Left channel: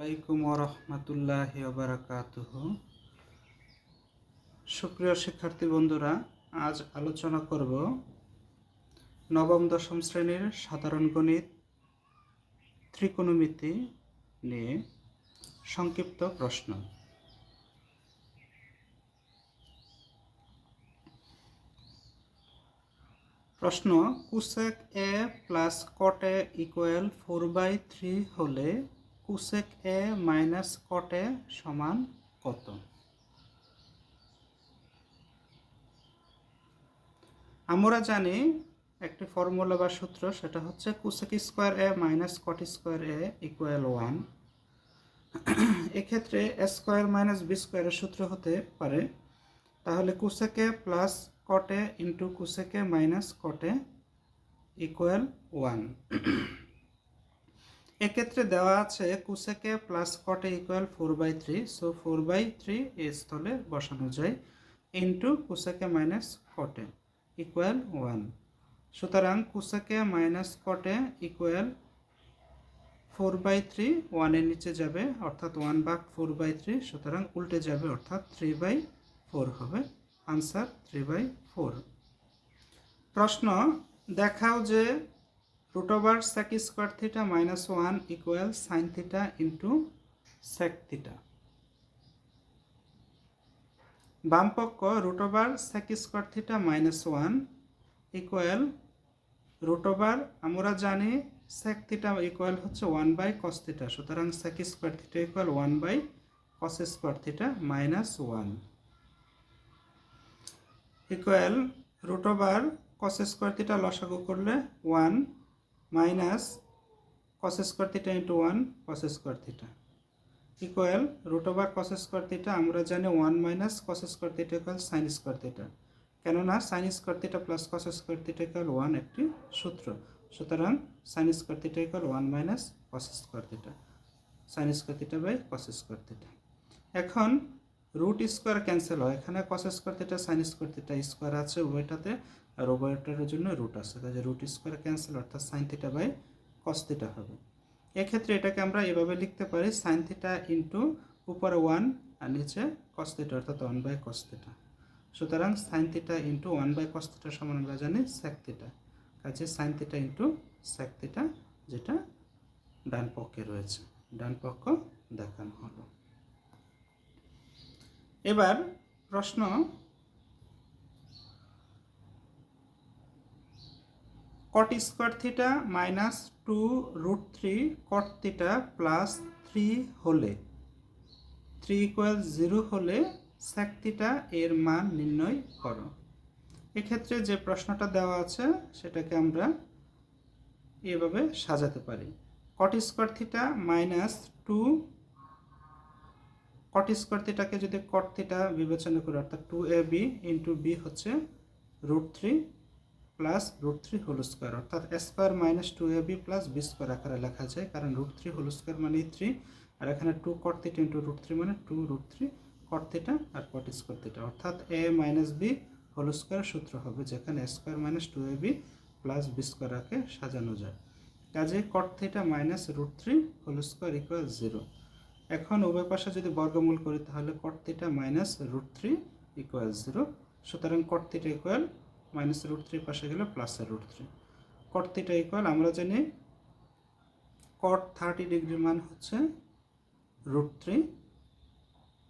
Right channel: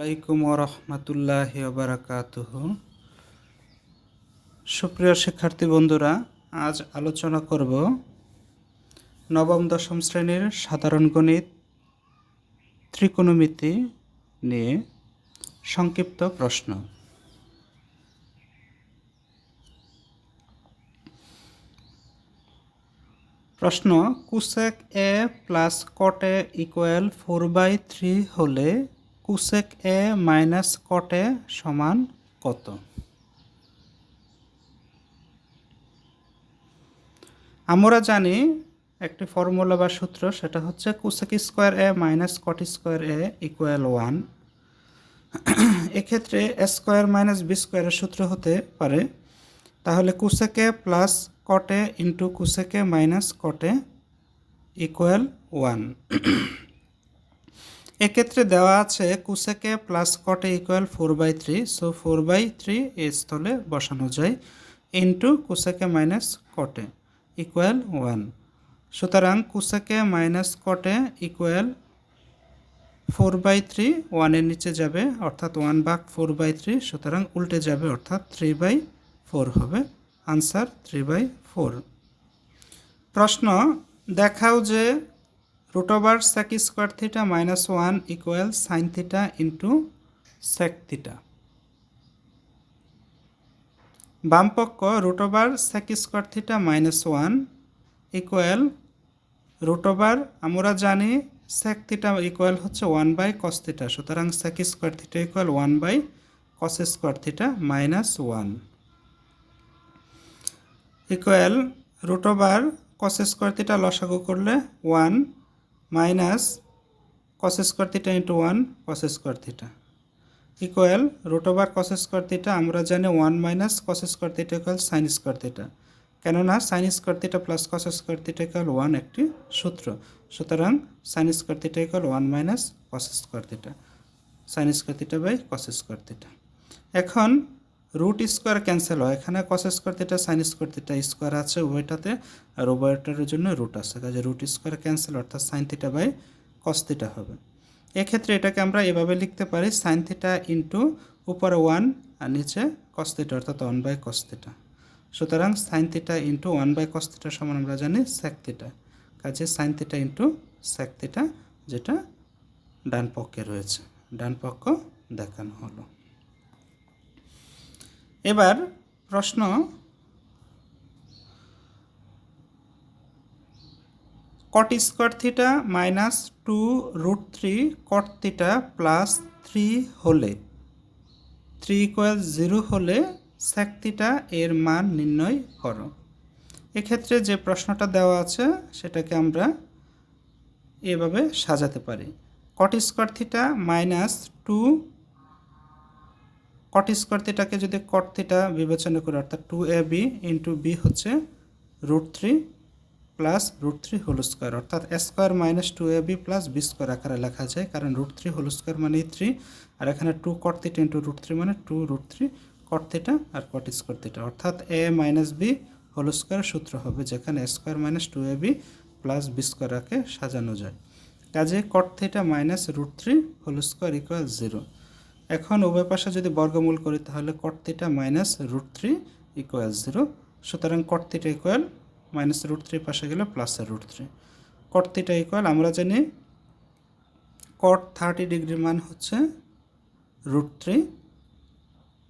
আলাইকুম ওরহমতুল্লাহি ওবারাকাতুহু। সুপ্রিয় শিক্ষার্থী বন্ধুরা, আজ আলোচনা করব নবম দশম শ্রেণীর সাধারণ গণিত ত্রিকোণমিতি নিয়ে সংক্ষিপ্ত প্রশ্ন। প্রশ্ন: কোসেক এ প্লাস কট এ ইকুয়াল 4/3 হলে কোসেক এ মাইনাস কট এ সমান কত? আমরা জানি একটি ফর্মুলা বা সূত্র, সেটা হচ্ছে কোসেক স্কোয়ার এ মাইনাস কট স্কোয়ার এ ইকুয়াল 1। এক্ষেত্রে এ স্কোয়ার মাইনাস বি স্কোয়ারের সূত্র হতে পারে, তাহলে কোসেক এ প্লাস কট এ ইন্টু কোসেক এ মাইনাস কট এ ইকুয়াল 1। এক্ষেত্রে দেওয়া আছে কোসেক এ প্লাস কট এ ইকুয়াল 4/3, সো 4/3 এই স্থলে বসানো যায় ইন্টু কোসেক এ মাইনাস কট এ ইকুয়াল 1। সুতরাং কোসেক এ মাইনাস কট এ ইকুয়াল 4/3, 1-এর নিচে যাবে অর্থাৎ 1/4/3, সুতরাং উল্টে যাবে অর্থাৎ 3/4 হবে। আনসার 3/4। প্রশ্ন: দেখাও যে √ sec square theta minus 1 equal sine theta into sec theta. বামপক্ষ √ sec square theta minus 1 equal আমরা জানি সেক থিটা ইকুয়াল হচ্ছে 1/কস থিটা, সুতরাং সেক স্কোয়ার থিটা ইকুয়াল 1/কস square theta minus 1 equal √ cos square theta লসাগু করলে 1 minus cos square theta into 1 cos square theta equal √ cos square theta আমরা জানি 1 minus cos square theta equal sine square theta, কেননা sine square theta plus cos square theta equal 1 একটি সূত্র, সুতরাং sine square theta equal 1 minus cos square theta, sine square theta by cos square theta. এখন root square cancel হয়, এখানে cos square theta sine square theta square আছে উভয়টাতে, আর উভয়টার জন্য রুট আছে, কাজে রুট স্কোয়ার ক্যান্সেল অর্থাৎ sine theta by cos theta হবে। এক্ষেত্রে এটাকে আমরা এভাবে লিখতে পারি সাইন থিটা ইন্টু উপরে 1 আর নিচে কস থিটা অর্থাৎ 1/কস থিটা, সুতরাং সাইন থিটা ইন্টু 1/কস থিটা সমান আমরা জানি সেক থিটা, কাজে sine theta into sec theta, যেটা ডান পক্ষে রয়েছে, ডান পক্ষ দেখানো হলো। এবার প্রশ্ন: কট square theta minus 2√3 cot theta plus 3 হলে 3 ইকুয়াল 0 হলে সেক থিটা এর মান নির্ণয় করো। এক্ষেত্রে যে প্রশ্নটা দেওয়া আছে সেটাকে আমরা এভাবে সাজাতে পারি। Cot square theta minus 2 cot square থিটাকে যদি কট থিটা বিবেচনা করি অর্থাৎ 2ab ইন্টু বি হচ্ছে √3 প্লাস √3 হোল স্কোয়ার, অর্থাৎ a square minus 2ab plus b square আকারে লেখা যায়, কারণ √3 হোল স্কোয়ার মানে 3, আর এখানে 2 কট থিটা ইন্টু √3 মানে 2√3 কট থিটা আর কট স্কোয়ার থিটা, অর্থাৎ a minus b whole square সূত্র হবে, যেখানে a square minus 2ab plus b স্কোয়ারকে সাজানো যায়, কাজে cot theta minus √3 whole square equal 0। এখন উভয় পাশে যদি বর্গমূল করি তাহলে কট থিটা মাইনাস √3 ইকুয়াল 0, সুতরাং কট থিটা ইকুয়াল মাইনাস √3 পাশে গেলে প্লাসের √3, কট থিটা ইকুয়াল আমরা জানি কট 30 ডিগ্রির মান হচ্ছে √3,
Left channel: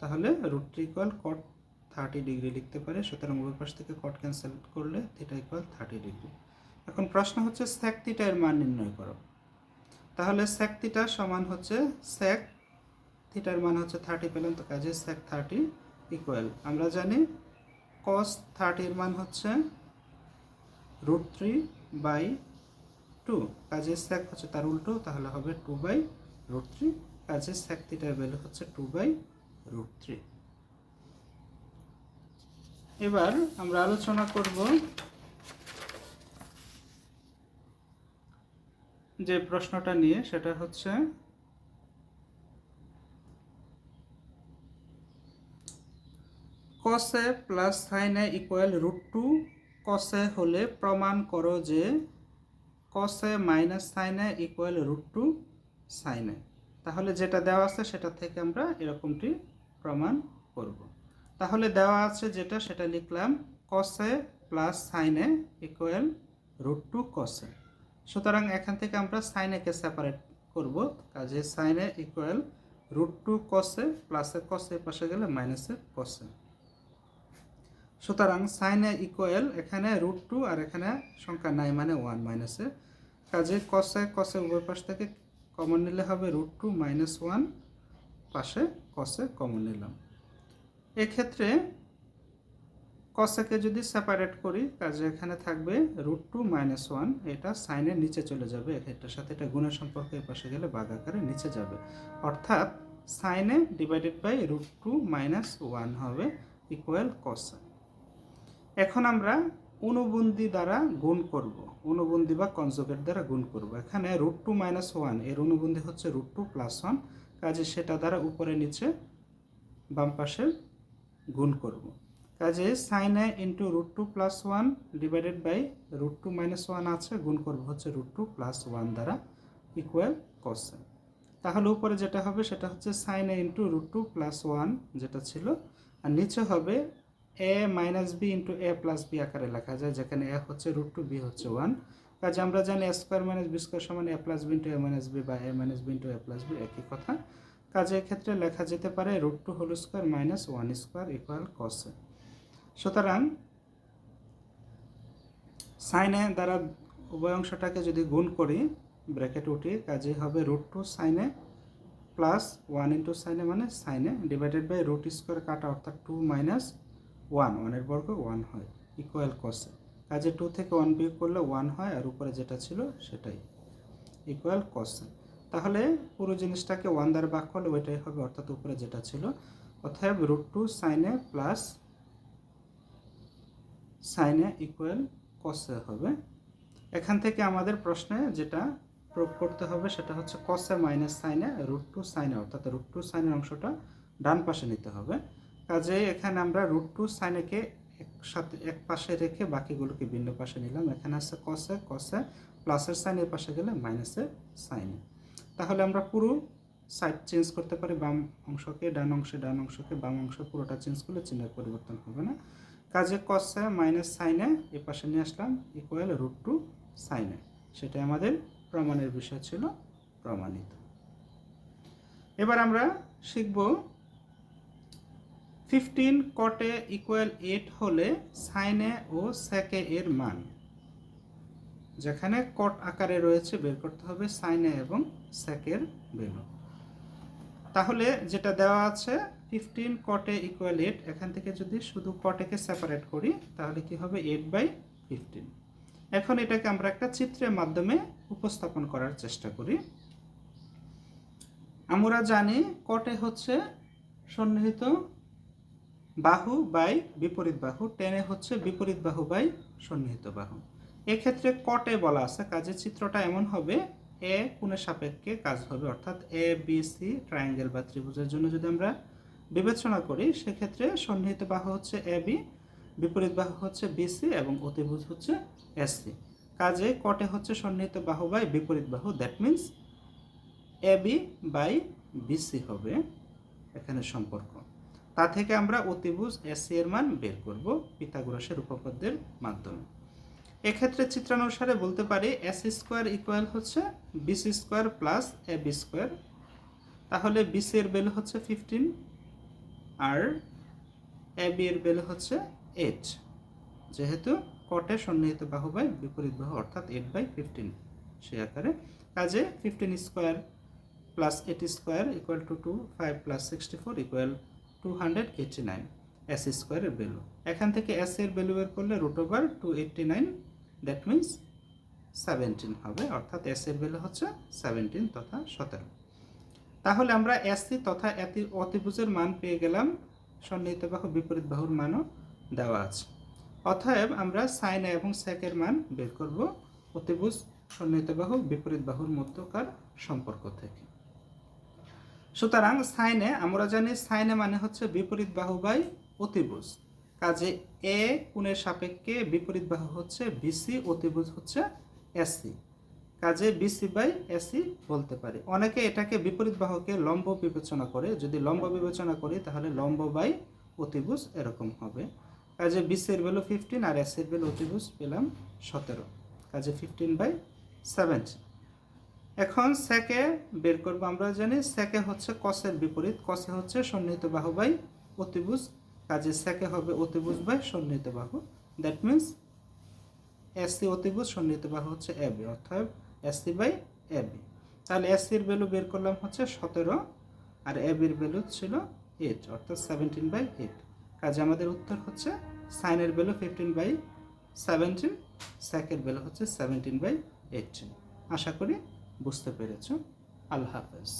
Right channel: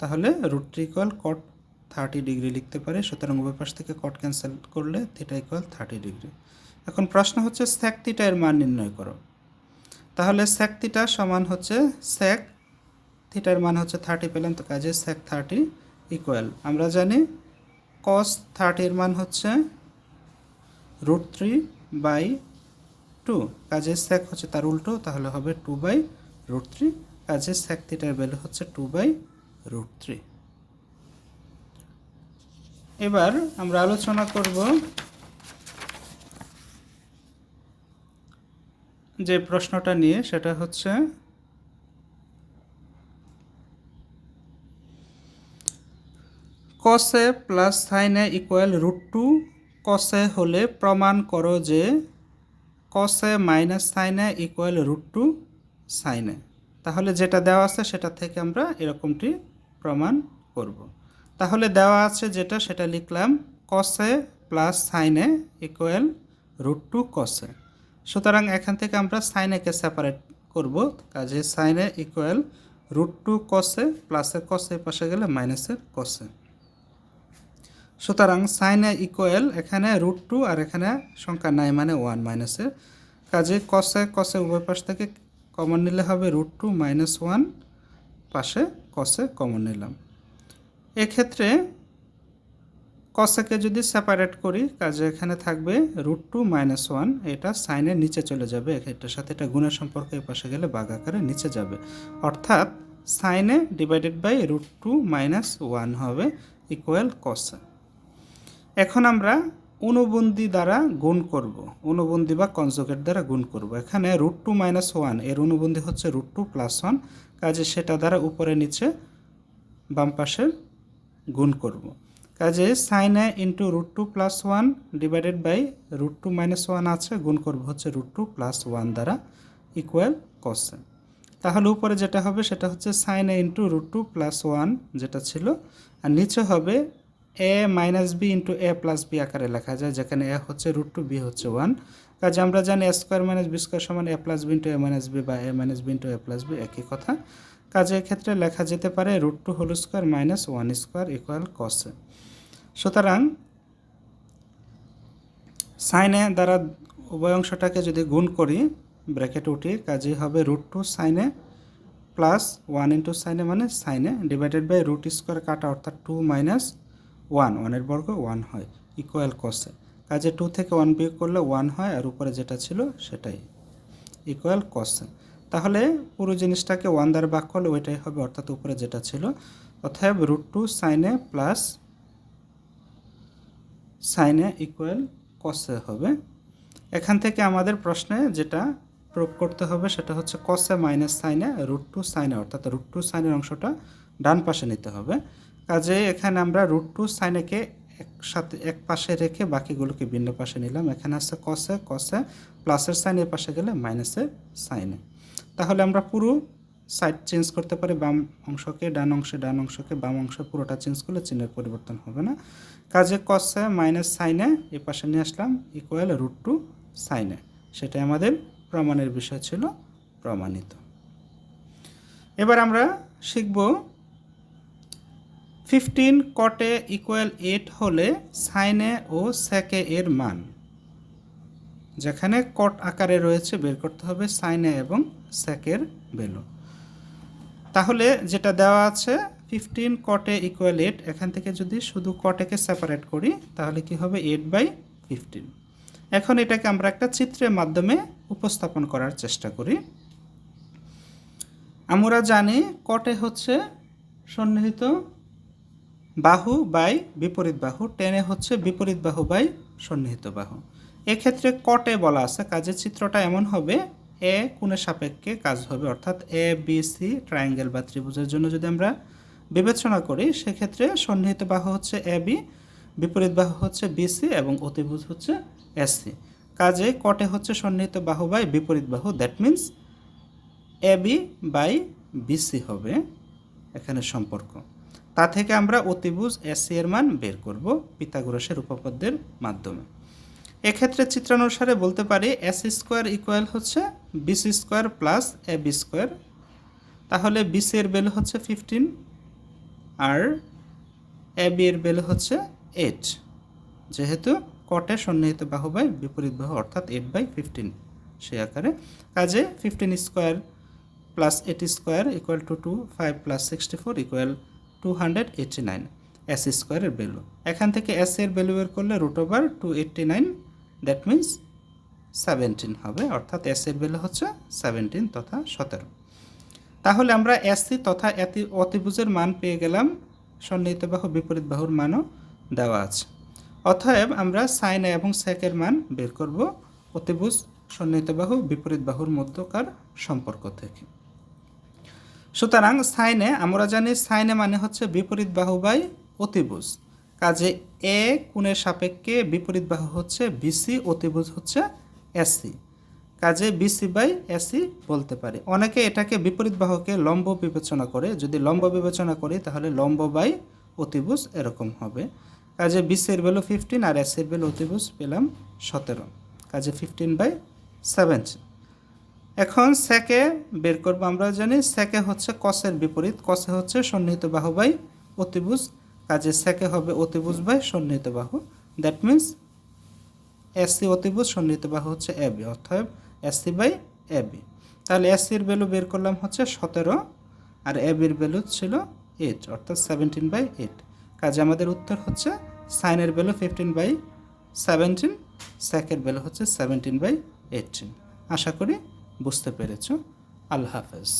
তাহলে √3 ইকুয়াল কট 30 ডিগ্রি লিখতে পারে, সুতরাং উভয় পাশ থেকে কট ক্যান্সেল করলে থিটা ইকুয়াল 30 ডিগ্রি। এখন প্রশ্ন হচ্ছে সেক থিটা এর মান নির্ণয় করো, তাহলে সেক থিটা সমান হচ্ছে সেক থিটার মান হচ্ছে 30 পেলাম, তো কাজে সেক 30 ইকুয়াল আমরা জানি কস 30 এর মান হচ্ছে √3/2, কাজে সেক হচ্ছে তার উল্টো, তাহলে হবে 2/√3, কাজে সেক থিটার ভ্যালু হচ্ছে 2/√3। এবার আমরা আলোচনা করব যে প্রশ্নটা নিয়ে, সেটা হচ্ছে কস এ প্লাস সাইন এ ইকুয়াল √2 কস এ হলে প্রমাণ করো যে কস এ মাইনাস সাইন এ ইকুয়াল √2 সাইন এ। তাহলে যেটা দেওয়া আছে সেটা থেকে আমরা এরকমটি প্রমাণ করব। তাহলে দেওয়া আছে যেটা সেটা লিখলাম কসে প্লাস সাইনে ইকুয়াল √2 কসে। সুতরাং এখান থেকে আমরা সাইনেকে সেপারেট করব, কাজে সাইনে ইকুয়াল √2 কসে, প্লাসের কসে পাশে গেলে মাইনাসের কসে। সুতরাং সাইনে ইকুয়াল এখানে √2 আর এখানে সংখ্যা নাই মানে 1 মাইনাসের, কাজে কসে কসে উভয় পাশ থেকে কমন নিলে হবে √2 - 1, পাশে কসে কমন নিলাম। এক্ষেত্রে কসেকে যদি সেপারেট করি, কাজে এখানে থাকবে √2 - 1, এটা সাইনের নিচে চলে যাবে, এটার সাথে এটা গুণের সম্পর্ক এই পাশে গেলে ভাগ আকারে নিচে যাবে, অর্থাৎ সাইনে ডিভাইডেড বাই √2 - 1 হবে ইকুয়াল কসে। এখন আমরা অনুবন্ধী দ্বারা গুণ করব, অনুবন্ধী বা কনজুগেট দ্বারা গুণ করব। এখানে √2 - 1 এর অনুবন্ধী হচ্ছে √2 + 1, কাজে সেটা দ্বারা উপরে নিচে বাম পাশের গুণ করব। কাজে সাইনে ইন্টু √2 + 1 ডিভাইডেড বাই √2 - 1 আছে, গুণ করব হচ্ছে √2 + 1 দ্বারা ইকুয়াল কসে। তাহলে উপরে যেটা হবে সেটা হচ্ছে সাইনে ইন্টু √2 + 1 যেটা ছিল, আর নিচে হবে a - b into a + b আকারে লেখা যায়, যেখানে a হচ্ছে √2, b হচ্ছে 1। কাজে আমরা জানি a² - b² সমান a + b into a - b বা a - b into a + b একই কথা। কাজে এক্ষেত্রে লেখা যেতে পারে √2² - 1² ইকুয়াল কসে। সুতরাং সাইনে দ্বারা উভয় অংশটাকে যদি গুণ করি ব্র্যাকেট উঠি, কাজেই হবে √2 সাইনে প্লাস 1 ইন্টু সাইনে মানে সাইনে ডিভাইডেড বাই √² কাটা, অর্থাৎ 2 - 1, 1-এর বর্গ 1 হয় ইকুয়াল কসে। কাজে 2 থেকে 1 বিয়োগ করলে 1 হয়, আর উপরে যেটা ছিল সেটাই ইকুয়াল কসে। তাহলে পুরো জিনিসটাকে 1 দ্বারা ভাগ করলে ওইটাই হবে, অর্থাৎ উপরে যেটা ছিল, অতএব √2 সাইনে প্লাস সাইনে ইকুয়াল কসে হবে। এখান থেকে আমাদের প্রশ্নে যেটা প্রুভ করতে হবে সেটা হচ্ছে কসে মাইনাস সাইনে √2 সাইনে, অর্থাৎ √2 সাইনের অংশটা ডান পাশে নিতে হবে। কাজে এখানে আমরা √2 সাইনেকে একসাথে এক পাশে রেখে বাকিগুলোকে ভিন্ন পাশে নিলাম। এখানে আছে কসে, কসে প্লাসের সাইন এর পাশে গেলে মাইনাসের সাইনে। তাহলে আমরা পুরো সাইড চেঞ্জ করতে পারি, বাম অংশকে ডান অংশে, ডান অংশকে বাম অংশে, পুরোটা চেঞ্জ করলে চিহ্নের পরিবর্তন হবে না। কাজে কসে মাইনাস সাইনে এই পাশে নিয়ে আসলাম ইকুয়াল √2 সাইনে, সেটাই আমাদের প্রমাণের বিষয় ছিল, প্রমাণিত। এবার আমরা শিখব 15 কটে ইকুয়াল 8 হলে সাইনে ও সেকে এর মান, যেখানে কট আকারে রয়েছে বের করতে হবে সাইনে এবং সেকের ভ্যালু। তাহলে যেটা দেওয়া আছে 15 কটে ইকুয়াল 8, এখান থেকে যদি শুধু কটেকে সেপারেট করি তাহলে কি হবে 8/15। এখন এটাকে আমরা একটা চিত্রের মাধ্যমে উপস্থাপন করার চেষ্টা করি। আমরা জানি কটে হচ্ছে সন্নিহিত বাহু বাই বিপরীত বাহু, টেনে হচ্ছে বিপরীত বাহু বাই সন্নিহিত বাহু। এক্ষেত্রে কটে বলা আছে, কাজে চিত্রটা এমন হবে এ কোণের সাপেক্ষে কাজ হবে, অর্থাৎ ABC ট্রায়াঙ্গেল বা ত্রিভুজের জন্য যদি আমরা বিবেচনা করি সেক্ষেত্রে সন্নিহিত বাহু হচ্ছে AB, বিপরীত বাহু হচ্ছে BC এবং অতিভুজ হচ্ছে SC। কাজে কটে হচ্ছে সন্নিহিত বাহু বাই বিপরীত বাহু, that means AB by BC হবে এখানে সম্পর্ক। তা থেকে আমরা অতিভুজ SC এর মান বের করব পিথাগোরাসের উপপাদ্যের মাধ্যমে। এক্ষেত্রে চিত্রানুসারে বলতে পারি AC² ইকুয়াল হচ্ছে BC² প্লাস AB²। তাহলে BC এর ভ্যালু হচ্ছে 15 আর AB এর ভ্যালু হচ্ছে 8, যেহেতু কটে সন্নিহিত বাহু বাই বিপরীত বাহু, অর্থাৎ 8/15 সেই আকারে। কাজে 15² plus 80² equal to 2, 5 plus 64 equal 289 AC² এর ভ্যালু। এখান থেকে AC এর ভ্যালু বের করলে √289, দ্যাট মিন্স 17 হবে, অর্থাৎ AC এর ভ্যালু হচ্ছে 17 তথা 17। তাহলে আমরা SC তথা অতিভুজের মান পেয়ে গেলাম, সন্নিহিত বাহু বিপরীত বাহুর মানও দেওয়া আছে। অতএব আমরা সাইনে এবং সেকের মান বের করব অতিভুজ সন্নিহিত বাহু বিপরীত বাহুর মধ্যকার সম্পর্ক থেকে। সুতরাং সাইনে আমরা জানি সাইনে মানে হচ্ছে বিপরীত বাহু বাই অতিভুজ, কাজে A কোণের সাপেক্ষে বিপরীত বাহু হচ্ছে BC, অতিভুজ হচ্ছে SC। কাজে বিসি বাই এসি বলতে পারি। অনেকে এটাকে বিপরীত বাহুকে লম্ব বিবেচনা করে, যদি লম্ব বিবেচনা করি তাহলে লম্ব বাই অতিভুজ এরকম হবে। কাজে বিসির ভ্যালু 15 আর এসির ভ্যালু অতিভুজ পেলাম 17, কাজে 15/17। এখন সেকে বের করব। আমরা জানি সেকে হচ্ছে কসের বিপরীত, কসে হচ্ছে সন্নিহিত বাহু বাই অতিভুজ, কাজে সেকে হবে অতিভুজ বাই সন্নিহিত বাহু। দ্যাট মিন্স এসি অতিভুজ সন্নিহিত বাহু হচ্ছে এবি, অর্থাৎ এসি বাই এবি। তাহলে এসির ভ্যালু বের করলাম হচ্ছে 17 আর এবির ভ্যালু ছিল 8, অর্থাৎ 17/8। কাজে আমাদের উত্তর হচ্ছে সাইনের ভ্যালু 15/17, সেকের ভ্যালু হচ্ছে 17/18। আশা করি বুঝতে পেরেছ। আল্লাহ হাফেজ।